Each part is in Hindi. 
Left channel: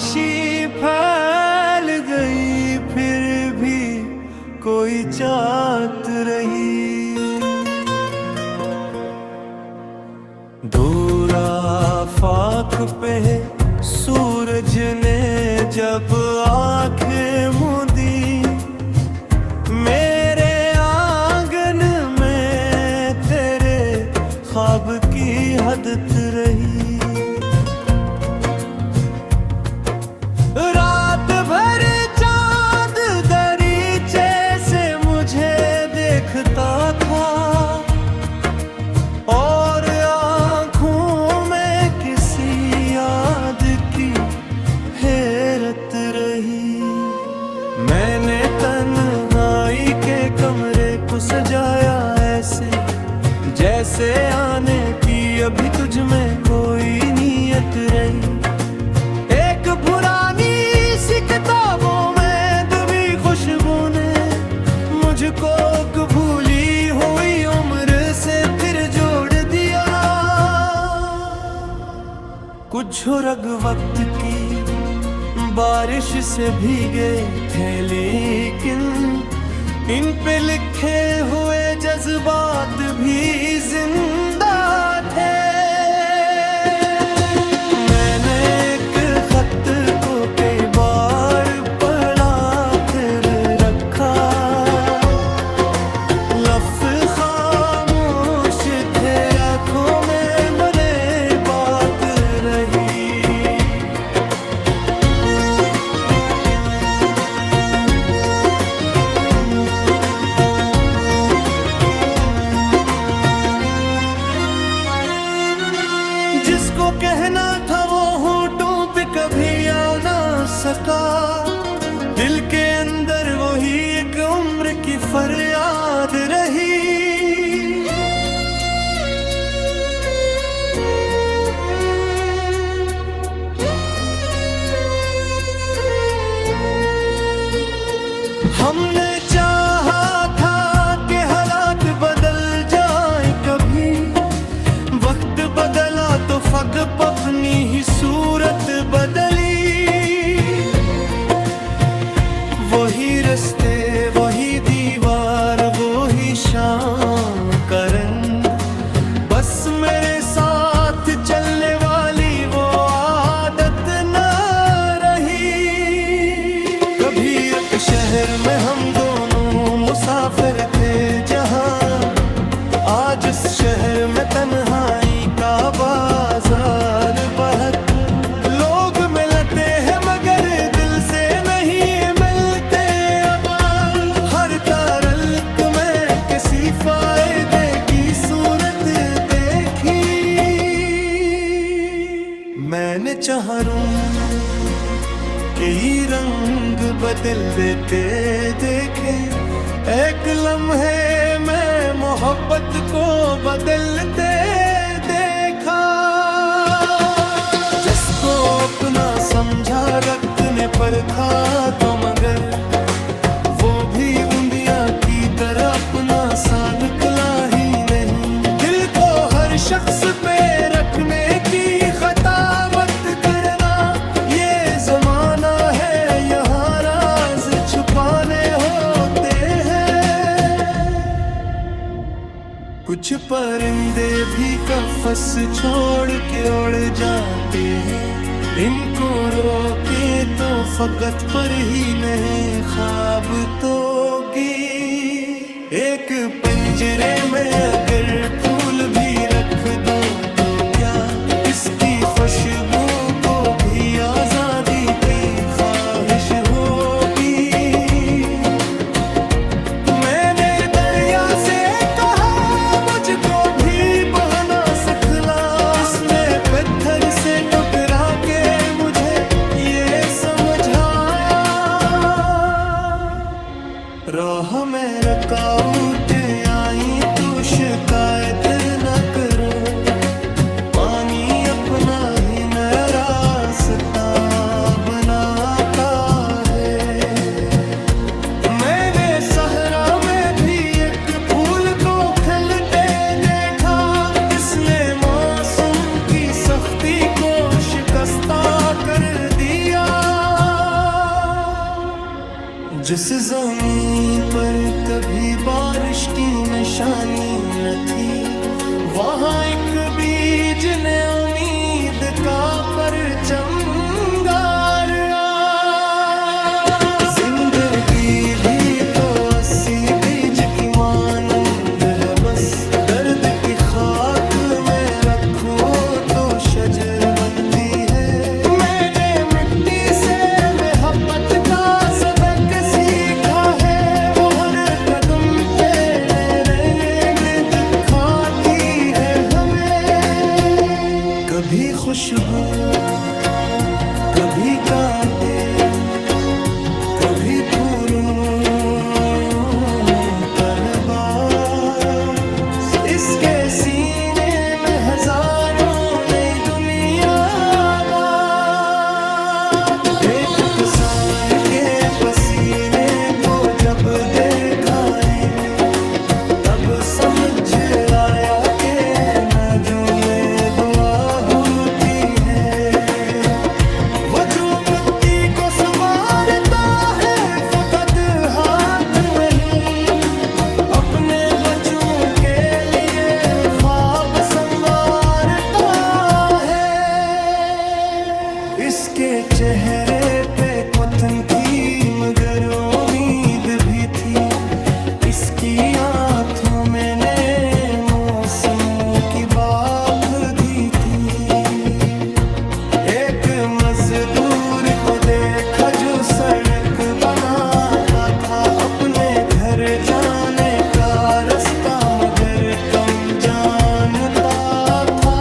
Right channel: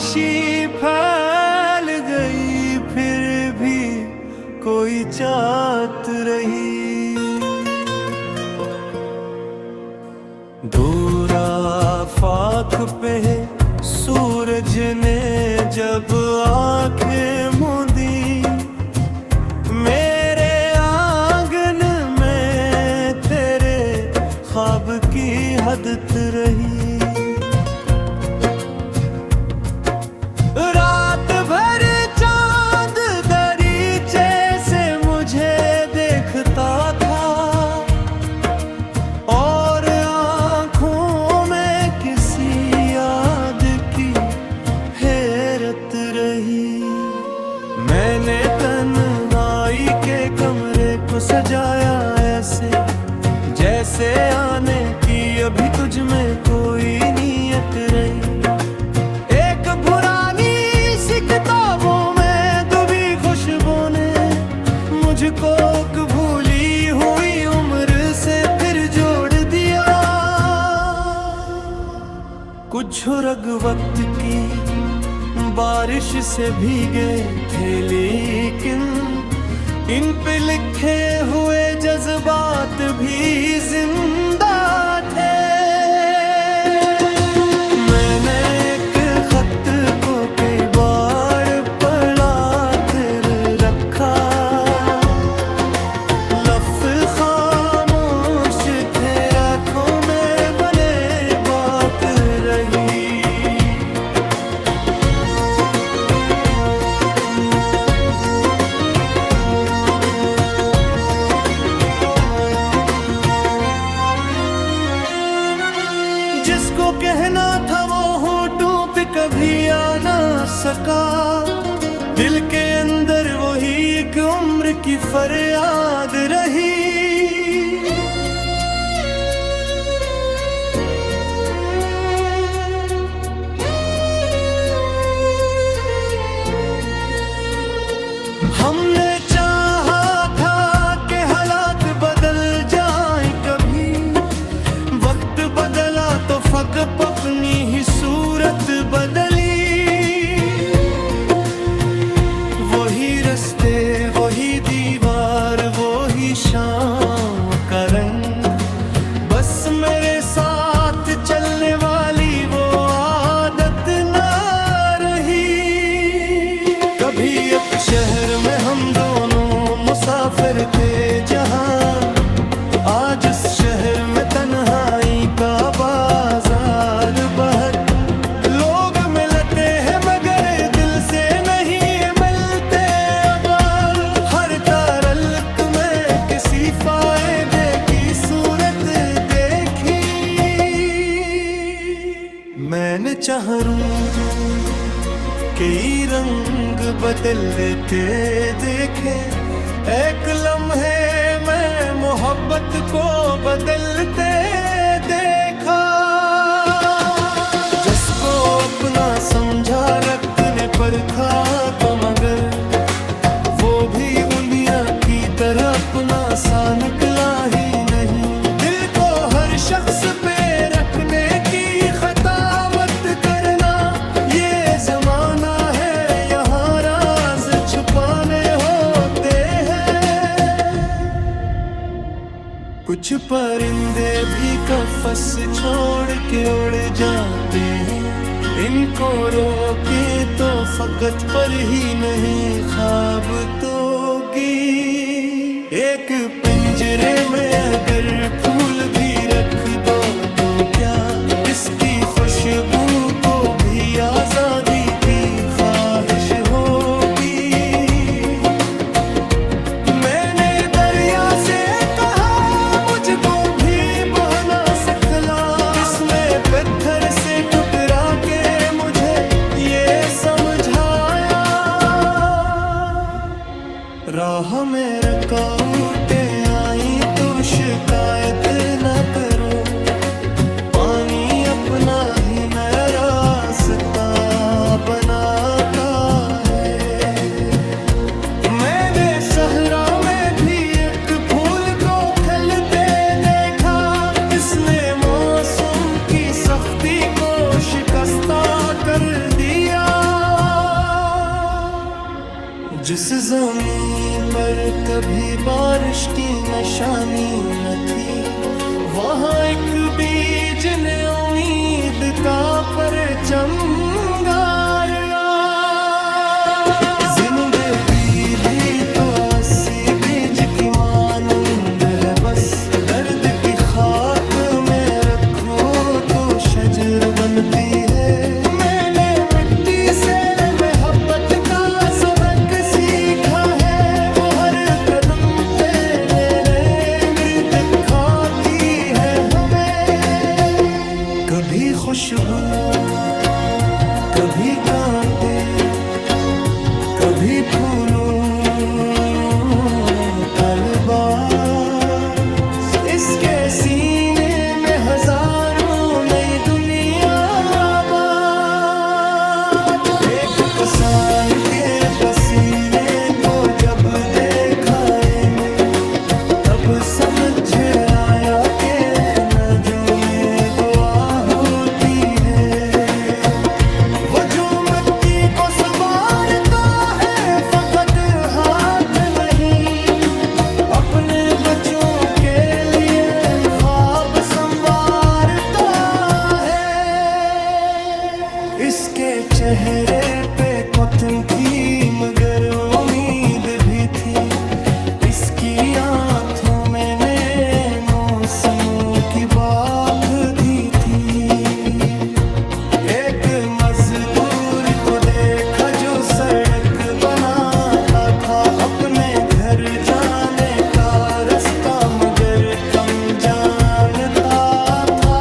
खामोशी फैल गई, फिर भी कोई चाहत रही। दूर आफाक पे सूरज ने जब आंखें मूंदी, मेरे आंगन में तेरे ख्वाब की हदत रही। रात भर चांद दरीचे से मुझे देखता था, और आंखों में किसी याद की हैरत रही। मैंने तन्हाई के कमरे को सजाया ऐसे, जैसे आने की अभी तुझ में कोई नीयत रही। एक पुरानी सी किताबों में डूबी खुशबू ने मुझको भूली हुई उम्र से फिर जोड़ दिया। कुछ रग वक्त की बारिश से भीगे थे, लेकिन इन पे लिखे हुए जज्बात भी जिंदा थे। मैंने एक खत को कई बार पढ़ा फिर रखा, लफ्ज़ खामोश थे आँखों में बने बात रही। जिसको कहना था वो होठों पे कभी आ ना सका, दिल के अंदर वही एक उम्र की फरियाद रही। हमने चाहा था कि हालात बदल जाएं कभी, वक्त बदला तो फकत अपनी ही सूरत बदली। वही रास्ते वही दीवार वही शाम का रंग, बस मेरे साथ चलने वाली वो आदत न रही। कभी एक शहर में हम दोनों मुसाफिर थे जहां, आज इस शहर में तन्हाई का बाजार बहुत लोग मिलते हैं मगर दिल से नहीं मिलते। अब हर तारल्लुक में किसी फायदे की सूरत देखी। मैंने चाहरूं कई रंग बदल देते देखे, एक लम्हे में मोहब्बत को बदलते देखा। जिसको अपना समझा रखने पर खा तो मगर वो भी उंदिया की तरह अपना सा निकला ही नहीं। दिल को हर शख्स पे रखने की खता मत करना, ये जमाना है यहाँ राज छुपाने होते हैं। कुछ परिंदे भी कफस छोड़ के उड़ जाते हैं, इनको रोके तो फकत पर ही नहीं ख्वाब तोगी। एक पिंजरे में अगर फूल भी रख दो तो क्या इसकी खुशबू को भी आजादी की ख्वाहिश होगी। मैंने दरिया से कहा मुझको भी बहना सिखला, इसने पत्थर से टुकरा के मुझे ये समझाया। राह में रुकावटें आई तो शिकायत न करो, पानी अपना ही नया रास्ता बनाता है। मैंने सहरा में भी एक फूल को खिलते देखा, इसने मौसम की सख्ती को शिकस्ता कर दिया। जिस ज़मीं पर कभी बारिश की निशानी न थी, वहाँ एक बीज ने उम्मीद का परचम गाड़ा। जिंदगी भी तो 80 बीज की मानंद है, बस दर्द की खाक में रखो तो शजर बनती है। मैंने मिट्टी से मोहब्बत का सबक सीखा है, वो हर कदम पे मेरे गिर्द खाती है हमें। कभी खुशबू, कभी कांटे, कभी फूलों का लिबास। इसके सीने में हजारों नई दुनिया बात। एक किसान के पसीने को जब देखा मैं, तब समझ आया कि नजों में दुआ होती है। वो जो मिट्टी को संवारता है फकत हाथ नहीं, अपने बच्चों के लिए ख्वाब संवारता है। इसके चेहरे पे खुतन थी मगर उम्मीद भी थी, इसकी आंखों में नए मौसमों की बात भी थी। एक मजदूर को देखा जो सड़क बनाता था, अपने घर जाने का रास्ता मगर कम जानता था।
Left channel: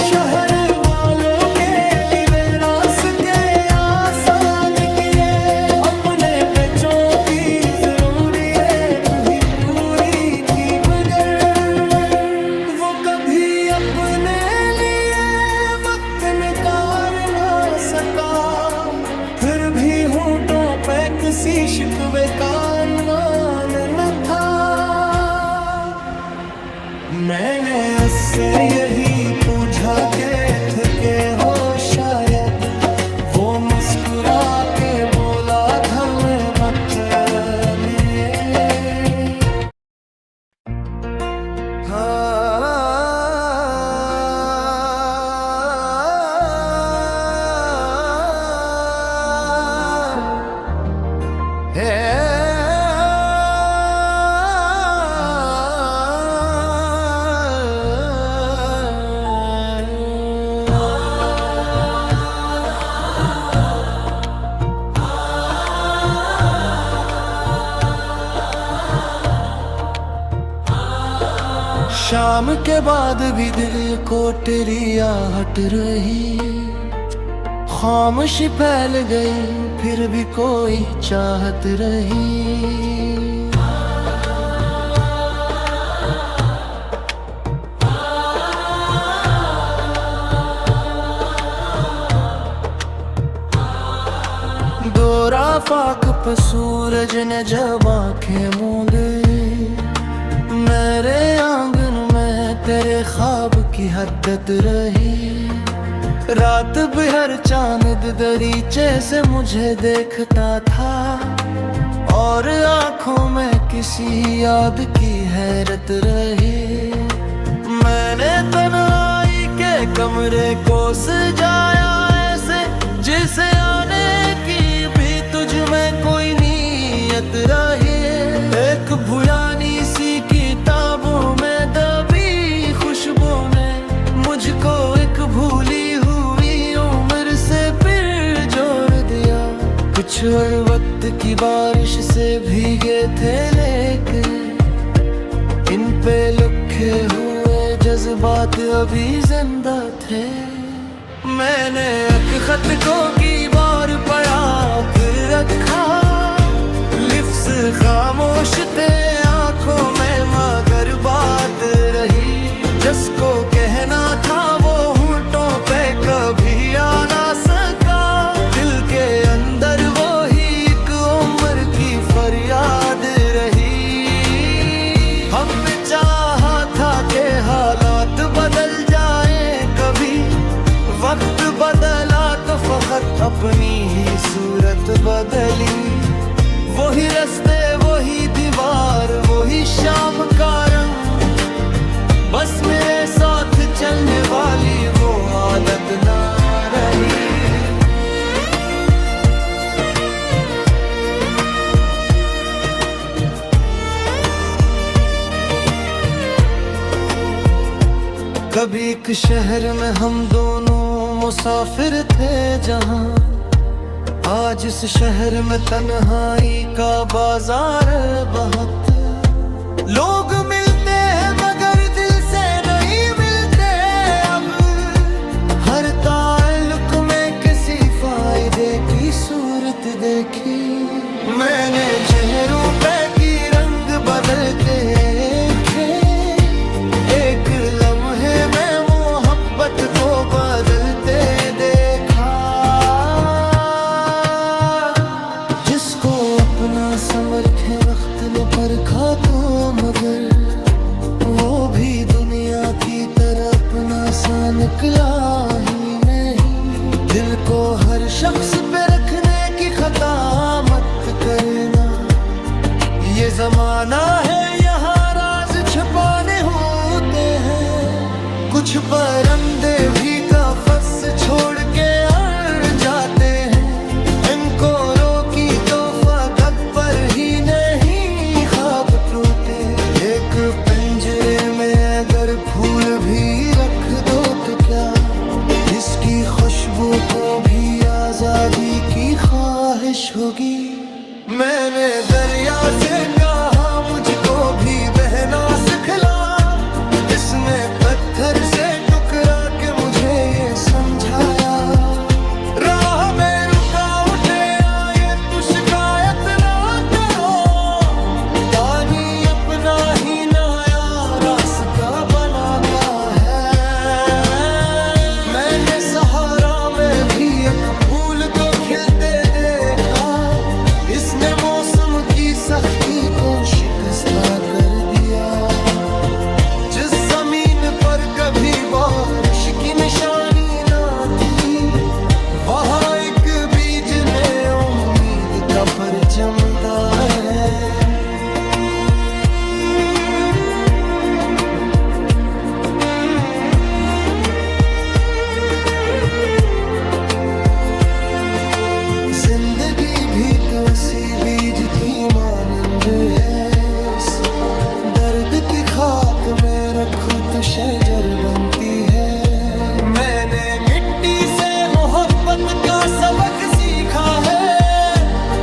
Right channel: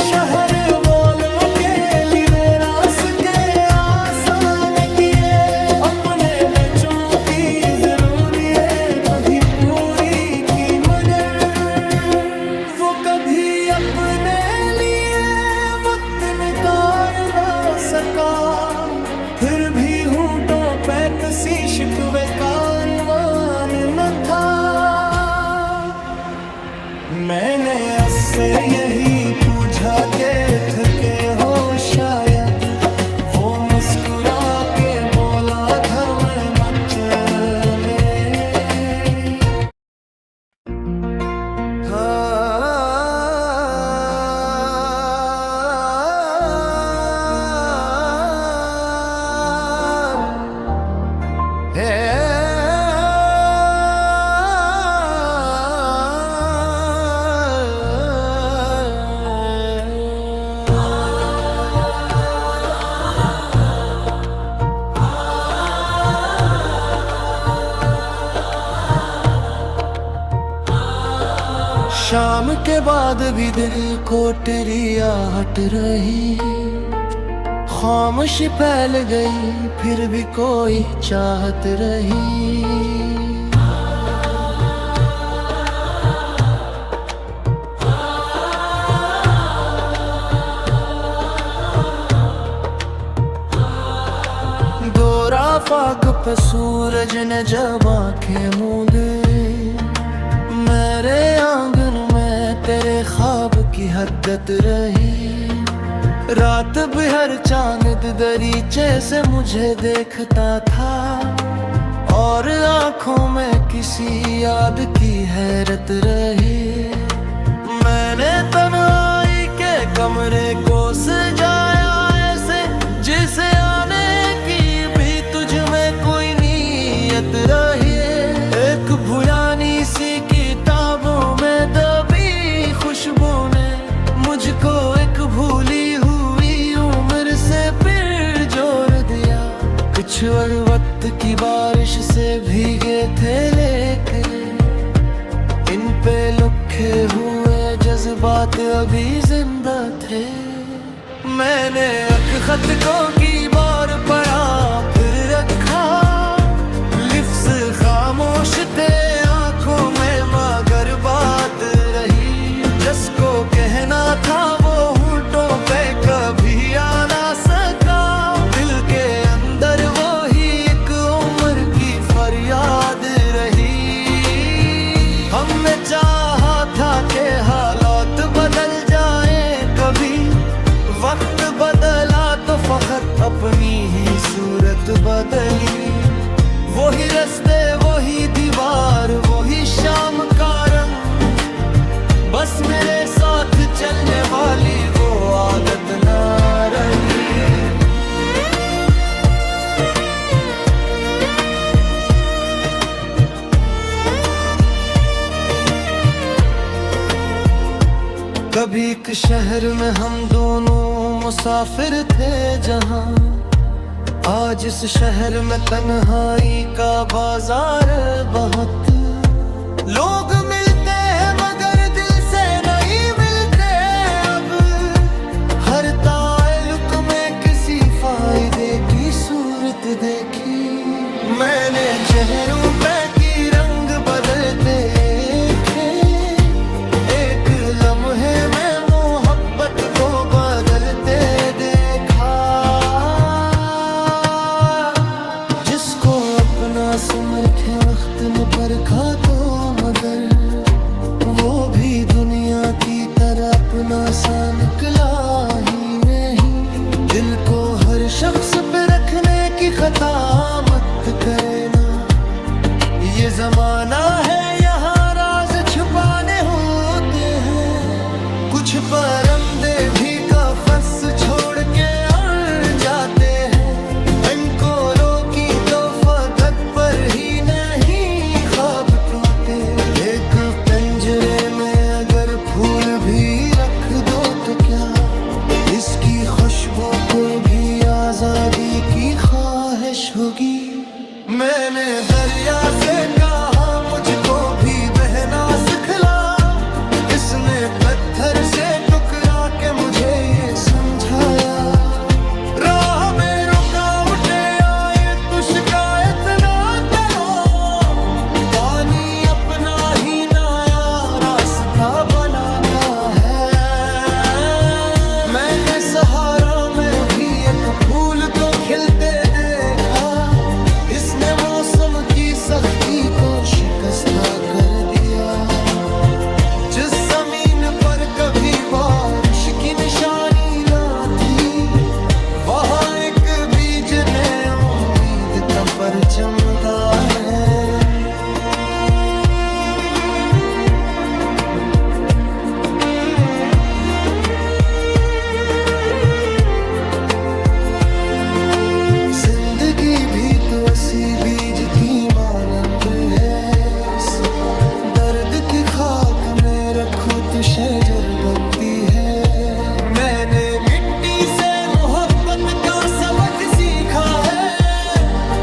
शहर वालों के लिए रास्ते आसान किए, अपने बच्चों की जरूरियत भी पूरी की, मगर वो कभी अपने लिए वक्त निकाल ना सका। फिर भी होंठों पे किसी शिकवे का अनवान न था। मैंने उससे यही पूछा के थके हो शायद, वो मुस्कुरा के बोला घर में मत में। शाम के बाद भी दिल को तेरी आहट रही, खामोशी फैल गई फिर भी कोई चाहत रही। दोरा फाक पे सूरज ने जब आंखें मूंदे, मेरे आंगन में तेरे ख्वाब की हद्दत रही। रात भर चांद दरीचे से मुझे देखता था, और आंखों में किसी याद की हैरत रही। मैंने तन्हाई के कमरे को सजाया ऐसे, जिसे आने की भी तुझ में कोई नीयत रही। एक पुरानी सी किताबों में दबी खुशबू ने मुझको एक भूली हुई उम्र से फिर जोड़ दिया। कुछ और वक्त की बारिश से भीगे थे लेकिन इन पे लिखे हुए जज्बात अभी जिंदा थे। मैंने एक खत को की बार पढ़ा फिर रखा, लिफ्स खामोश थे आंखों में मगर बात रही। जिसको कहना था वो होंठों पे कभी आ ना सका। दिल के अंदर वो ही एक उम्र की फरियाद रही। हमने चाहा था कि हालात बदल जाएं, कभी वक्त अपनी ही सूरत बदली। वही रास्ते वही दीवार वही शाम का रंग, बस मेरे साथ चलने वाली वो आदत ना रही। कभी एक शहर में हम दोनों मुसाफिर थे जहां, आज इस शहर में तन्हाई का बाजार बहुत। लोग मिलते हैं मगर दिल से नहीं मिलते अब, हर ताल्लुक में किसी फायदे की सूरत देखी। मैंने चेहरों पे की रंग बदलते देखे, एक लम्हे में मोहब्बत को बदलते देखा। जिसको अपना समरखे वक्त ने परखा तो मगर वो भी दुनिया की तरह अपना सा निकला ही नहीं। दिल को हर शख्स पे रखने की खता मत करना, ये जमाना है यहाँ राज छुपाने होते हैं। कुछ परिंदे भी कफस छोड़ के उड़ जाते हैं, इनको रोकी तो फगत पर ही नहीं ख्वाब टूटे। एक पिंजरे में अगर फूल भी रख दो तो क्या, इसकी खुशबू को भी आजादी की ख्वाहिश होगी। मैंने दरिया से कहा मुझको भी बहना सिखला, इसने पत्थर से टुकरा के मुझे ये समझाया। राह में रुकावटे आए तो शिकायत ना करो, पानी अपना ही नया रास्ता बनाता है। मैंने सहारा में भी एक फूल को खिलते देखा, इसने मौसम की सख्ती को शिकस्ता कर दिया। जिस जमीन पर कभी बारिश की निशानी ना थी, वहाँ एक बीज ने उम्मीद का परचम उगाया है। जिंदगी भी तो इसी बीज की मानंद है, दर्द की खाक में रखूं तो शजर बनती है। मैंने मिट्टी से मोहब्बत का सबक सीखा है,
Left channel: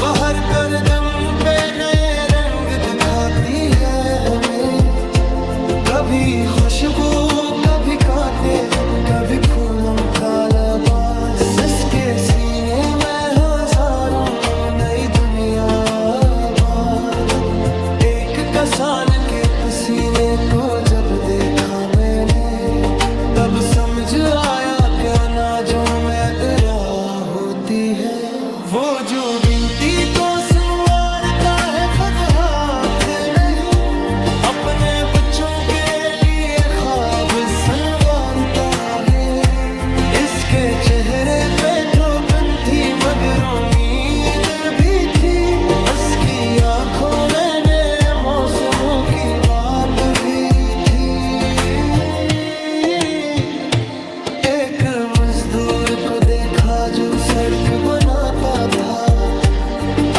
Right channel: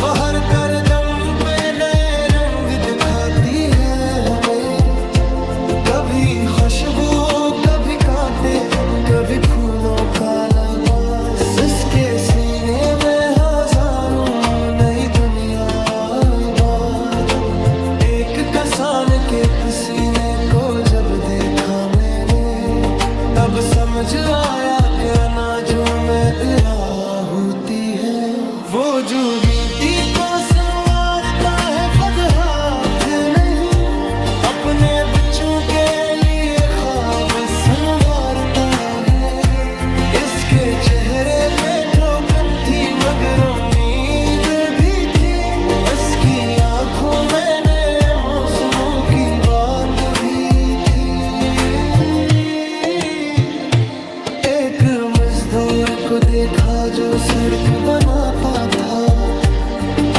वह हर करदम पे नए रंग दिखाती है हमें। कभी खुशबू कभी कांटे कभी फूलों का लबास, इसके सीने में हजारों नई दुनिया आबाद। एक कसान के पसीने को जब देखा मैंने, तब समझ आया कि अनाजों में इरा होती है। वो जो मिट्टी को संवारता है खुद हाथ नहीं, अपने बच्चों के लिए ख्वाब संवारता है। इसके चेहरे पे ठोकन थी मगर उम्मीद भी थी, इसकी आंखों में नए मौसमों की बात भी थी। एक मजदूर को देखा जो सड़क बनाता था,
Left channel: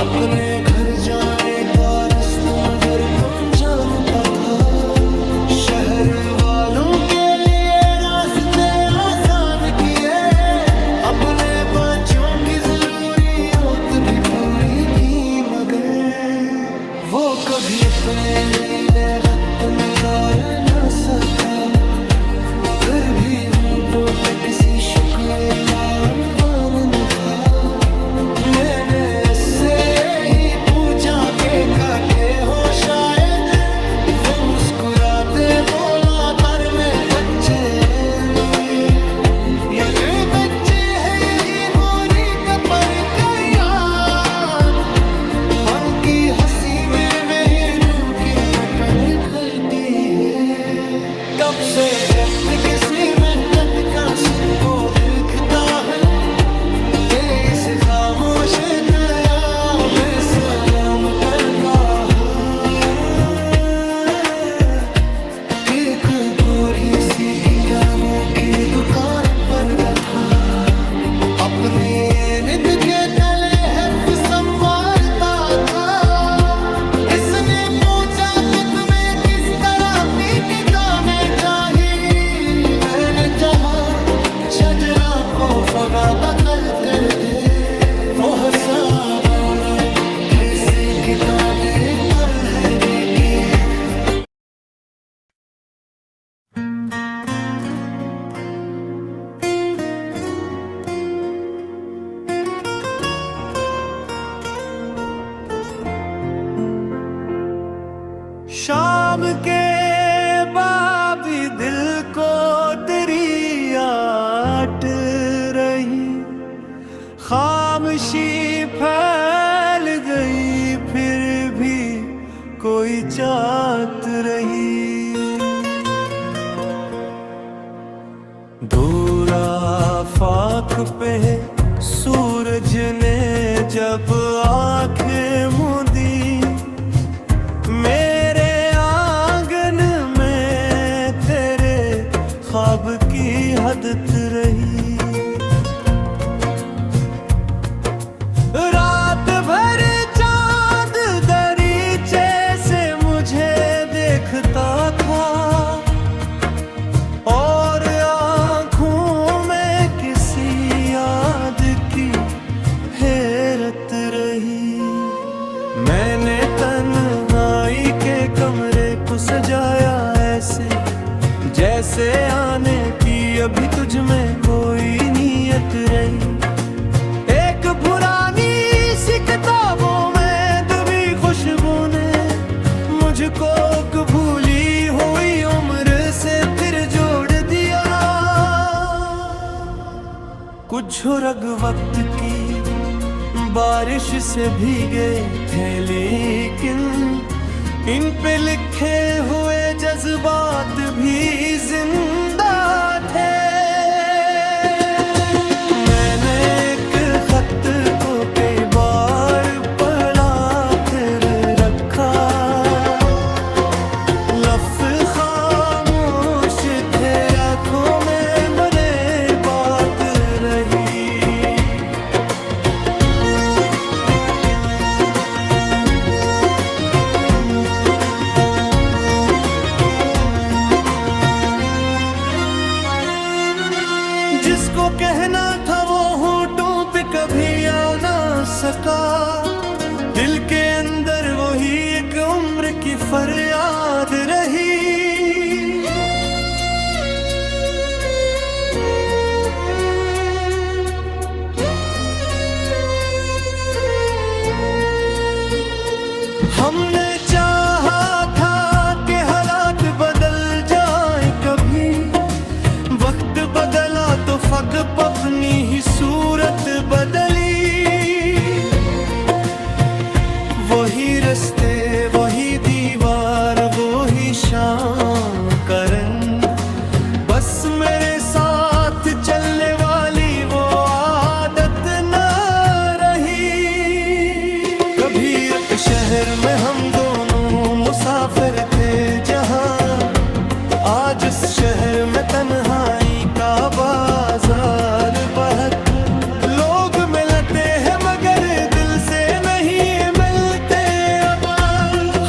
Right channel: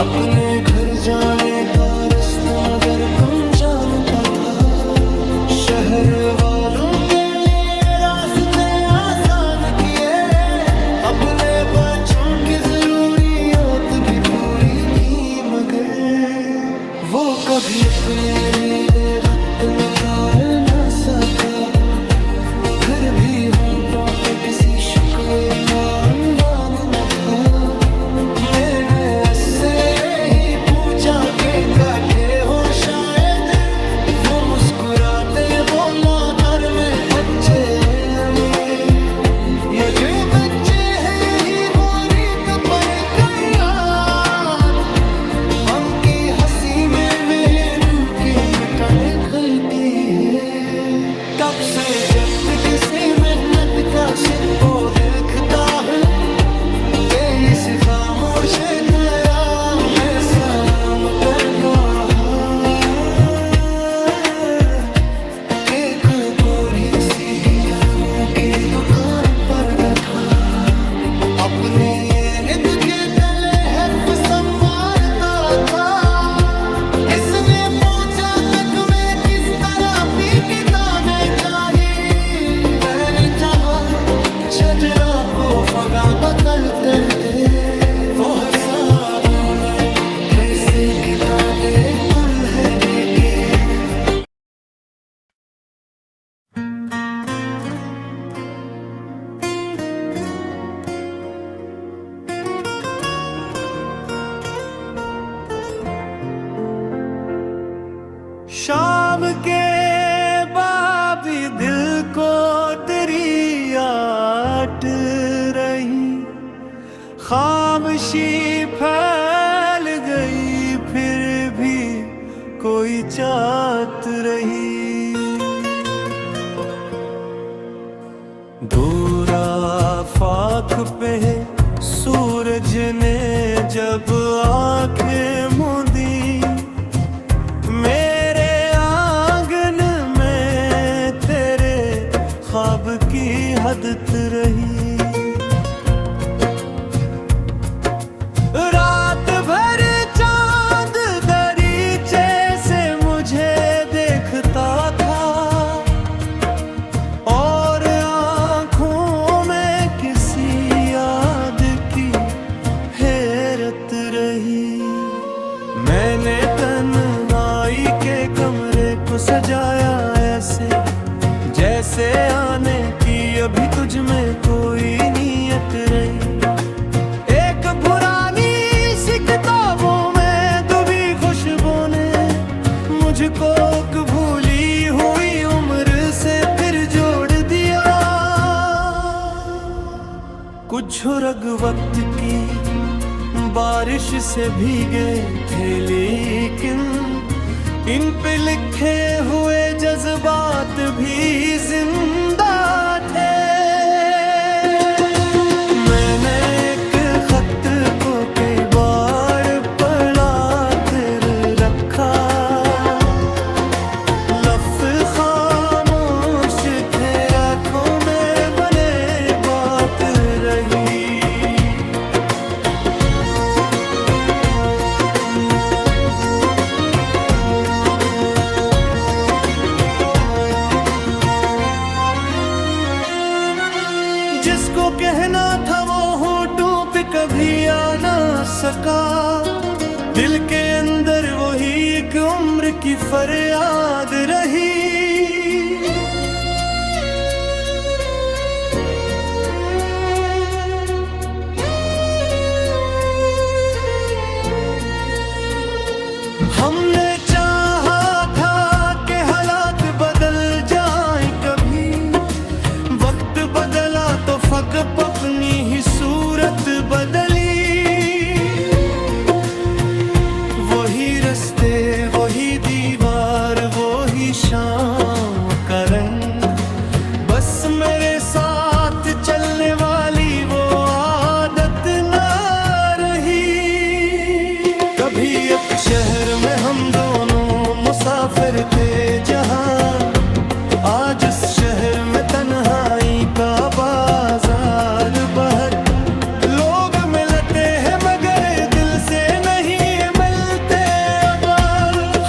अपने घर जाने का रास्ता मगर कम जानता था। शहर वालों के लिए रास्ते आसान किए, अपने बच्चों की जरूरियत भी पूरी की, मगर वो कभी अपने लिए वक्त निकाल न सका। फिर भी होंठों पे किसी शिकवे का अनवान न था। मैंने इससे यही पूछा के काटे हो शायद, वो मुस्कुराते बोला कर में बच्चे में, या जो बच्चे हैं यही वो रीत पर गयात। हम की हंसी में मेरू की नटन खलती है। कब से जब किसी मेहनत का सिक्को दिखता हूँ, कि इस खामोश तेरा में सलाम कर कहा कि एक गोरी सी किताबों के दुकान पर्दा था, अपने नित के तले है संवारता था। इसने पूछा कि तुम्हें किस तरह की किताबें चाहिए, मैंने चाहा छजला को फगा बकल तेरे दे, वो हंसा बोला जैसे किताबें दुल्हे देखे। शाम के बाबी दिल को तेरी आट रही, खामोशी फैल गई फिर भी कोई चाहत रही। दूर आफाक पे सूरज ने जब आंखें मूंदी, मेरे आंगन में तेरे ख्वाब की हदत रही। रात भर चांद दरीचे से मुझे देखता था, और आंखों में किसी याद की हैरत रही। मैंने तन्हाई के कमरे को सजाया ऐसे जैसे आने की अभी तुझ में कोई नीयत रही। एक पुरानी सी किताबों में डूबी खुशबू ने मुझको भूली हुई उम्र से फिर जोड़ दिया। कुछ रग वक्त की बारिश से भीगे थे, लेकिन इन पे लिखे हुए जज्बात भी जिंदा थे। मैंने एक खत को कई बार पढ़ा फिर रखा, लफ्ज़ खामोश थे आँखों में बने बात रही। जिसको कहना था वो होठों पे कभी आ ना सका, दिल के अंदर वही एक उम्र की फरियाद रही। हमने चाहा था कि हालात बदल जाए कभी, वक्त बदला तो फकत अपनी ही सूरत बदली। वही रास्ते वही दीवार वही शाम का रंग, बस मेरे साथ चलने वाली वो आदत न रही। कभी एक शहर में हम दोनों मुसाफिर थे जहां, आज इस शहर में तन्हाई का बाजार बहत। लोग मिलते हैं मगर दिल से नहीं मिलते अब,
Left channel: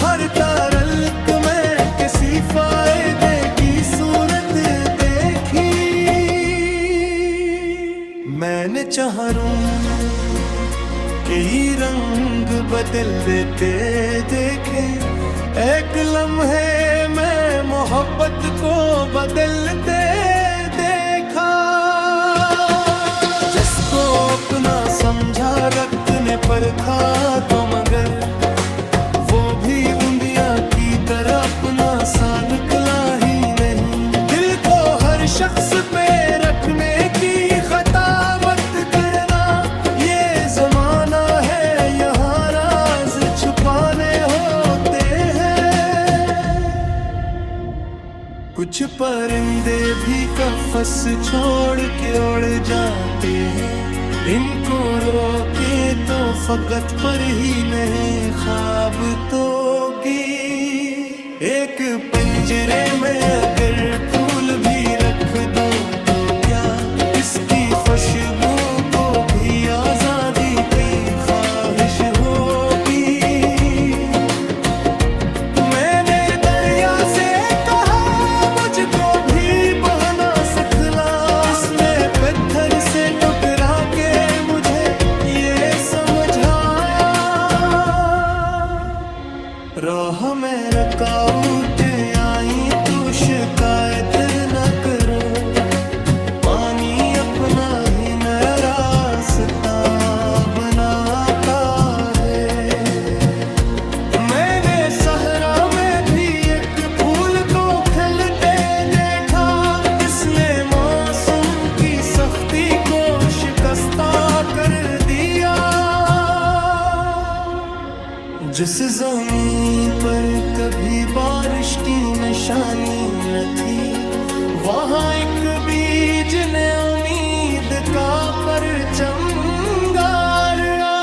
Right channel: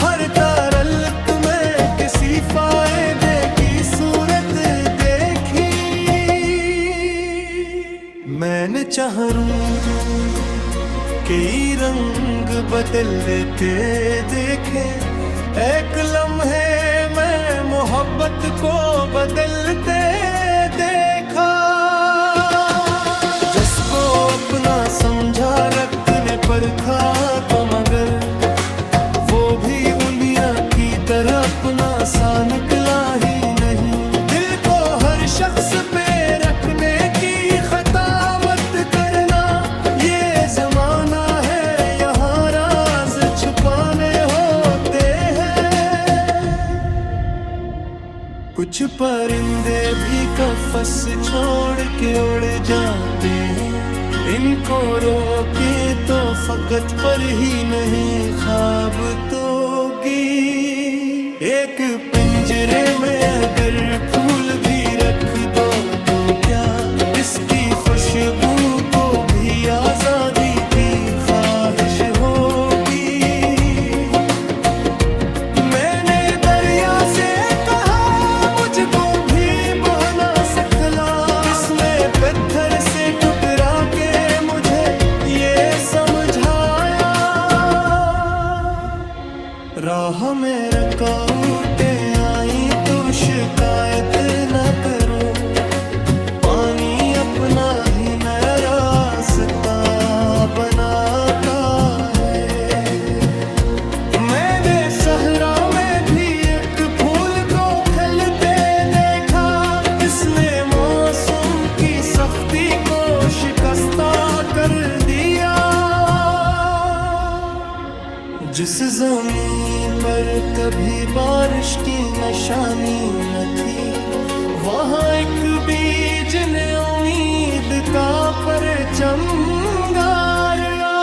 हर तारल्क में किसी फायदे की सूरत देखी। मैंने चाहरूं कई रंग बदल देते देखे, एक लम्हे में मोहब्बत को बदलते देखा। जिसको अपना समझा रक्त ने परखा तो मगर वो भी उंदिया की तरह अपना सा निकला ही नहीं। दिल को हर शख्स पे रखने की खता मत करना, ये जमाना है यहाँ राज छुपाने होते हैं। कुछ परिंदे भी कफस छोड़ के उड़ जाते हैं, इनको रोके तो फकत पर ही नहीं ख्वाब तोगी। एक पिंजरे में अगर फूल भी रख दो तो क्या इसकी खुशबू को भी आजादी की ख्वाहिश होगी। मैंने दरिया से कहा मुझको भी बहना सिखला, इसने पत्थर से टुकरा के मुझे ये समझाया। राह में रुकावटें आई तो शिकायत न करो, पानी अपना ही नया रास्ता बनाता है। मैंने सहरा में भी एक फूल को खिलते देखा, इसने मौसम की सख्ती को शिकस्ता कर दिया। जिस जमीन पर कभी बारिश की निशानी न थी, वहाँ एक बीज ने उम्मीद का परचम गाड़ा।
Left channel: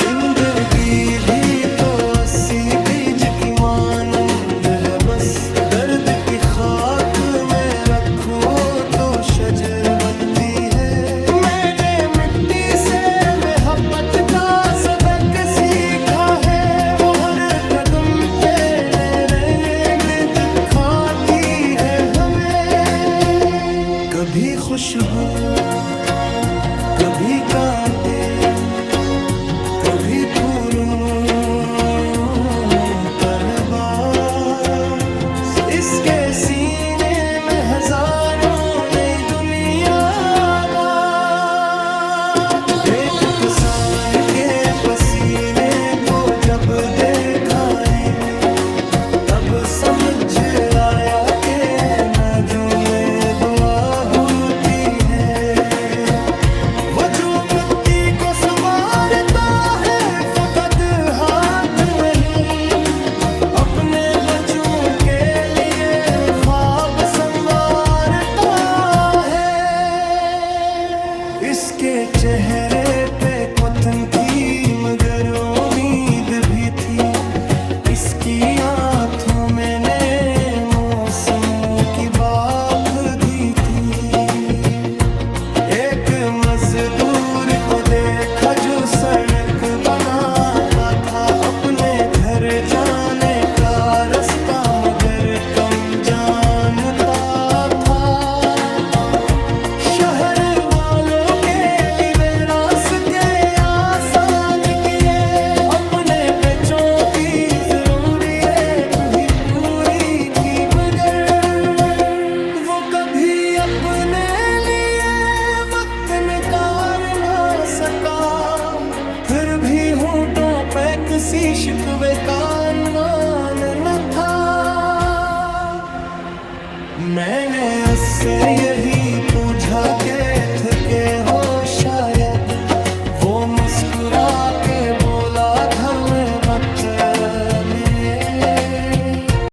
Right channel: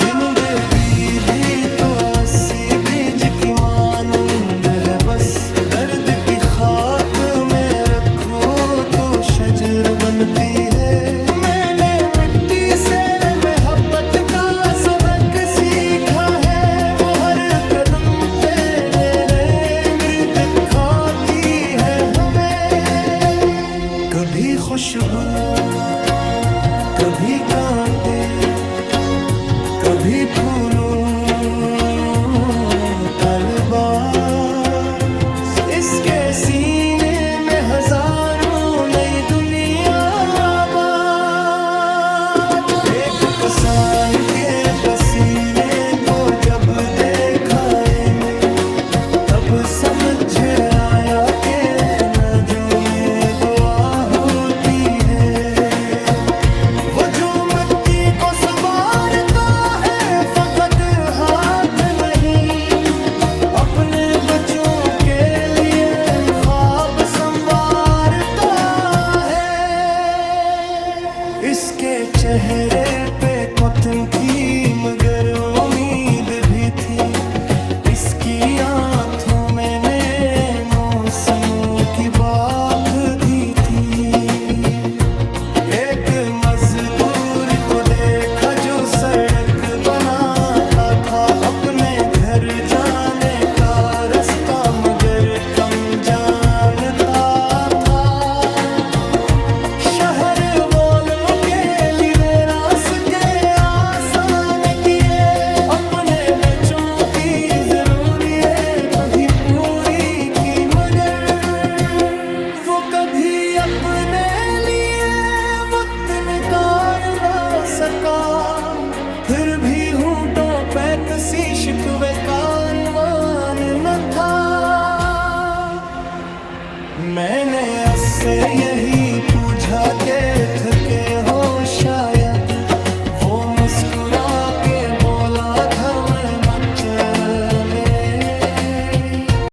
जिंदगी भी तो 80 बीज की मानंद है, बस दर्द की खाक में रखो तो शजर बनती है। मैंने मिट्टी से मोहब्बत का सबक सीखा है, वो हर कदम पे मेरे गिर्द खाती है हमें। कभी खुशबू, कभी कांटे, कभी फूलों का लिबास, इसके सीने में हजारों नई दुनिया आबाद। एक किसान के पसीने को जब देखा मैंने, तब समझ आया कि नजों में दुआ होती है। वो जो मिट्टी को संवारता है फकत हाथ नहीं, अपने बच्चों के लिए ख्वाब संवारता है। इसके चेहरे पे कुतन थी मगर उम्मीद भी थी, इसकी आंखों में ने मौसमों की बात दी थी। एक मजदूर को देखा जो सड़क बनाता था, अपने घर जाने का रास्ता मगर कम जानता था। शहर वालों के लिए रास्ते आसान किए, अपने बच्चों की जरूरियत भी पूरी की, मगर वो कभी अपने लिए वक्त निकाल ना सका। फिर भी होंठों पे किसी शिकवे का अनवान न था। मैंने उससे यही पूछा के थके हो शायद, वो मुस्कुरा के बोला घर में मत में